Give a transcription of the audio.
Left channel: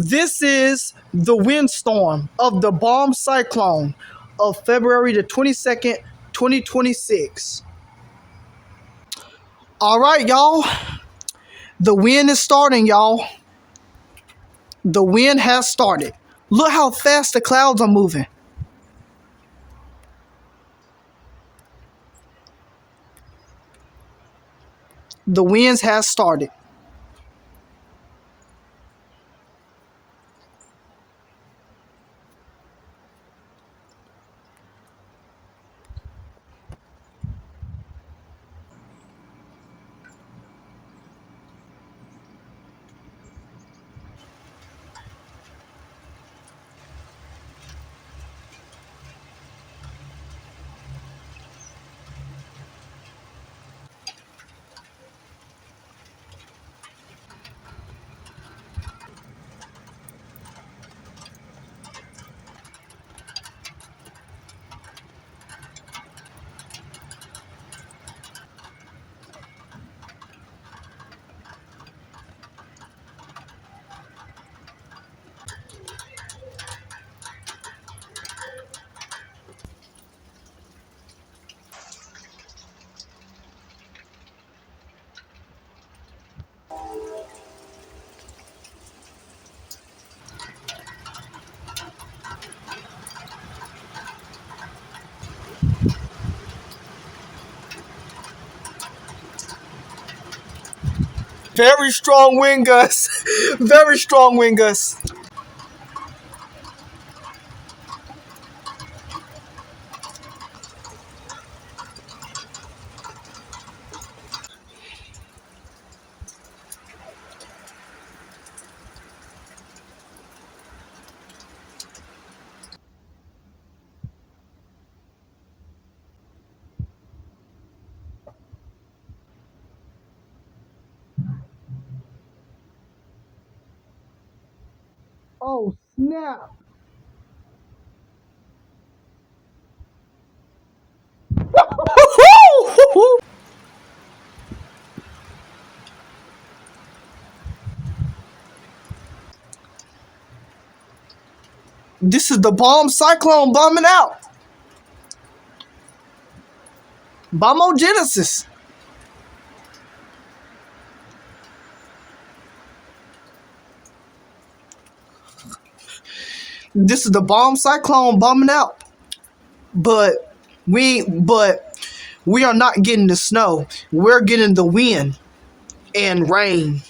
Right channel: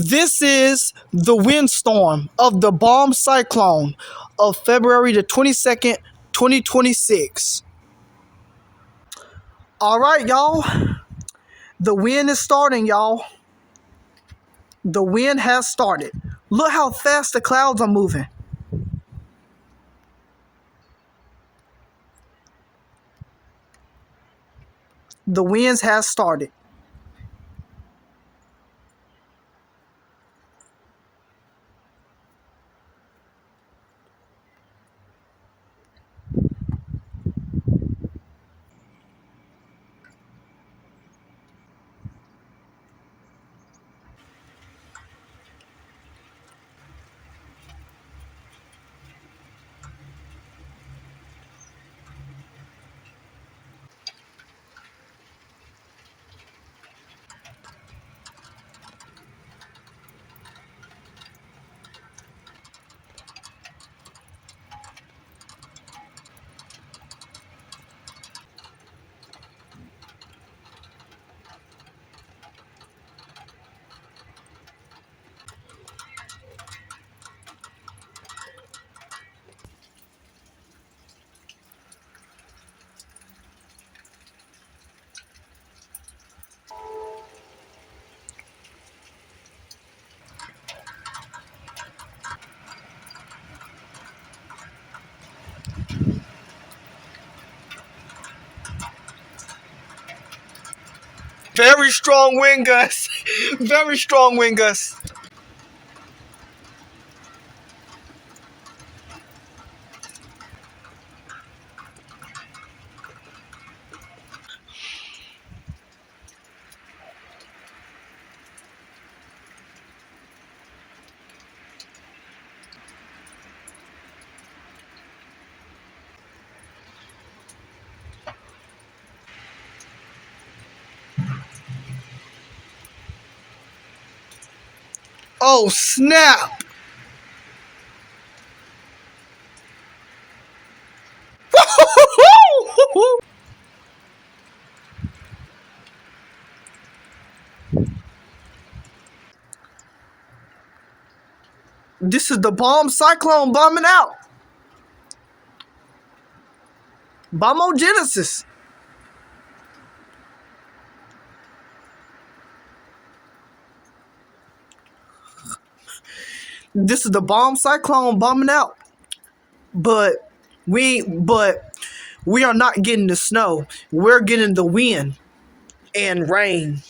This is the windstorm of the bomb cyclone of February the 22nd, 2026. All right, y'all. The wind is starting, y'all. The wind has started. Look how fast the clouds are moving. The winds has started. Very strong wind gusts. Very strong wind gusts. Oh, snap. This is the bomb cyclone bombing out. Bombogenesis. This is the bomb cyclone bombing out. But we are not getting the snow. We're getting the wind and rain.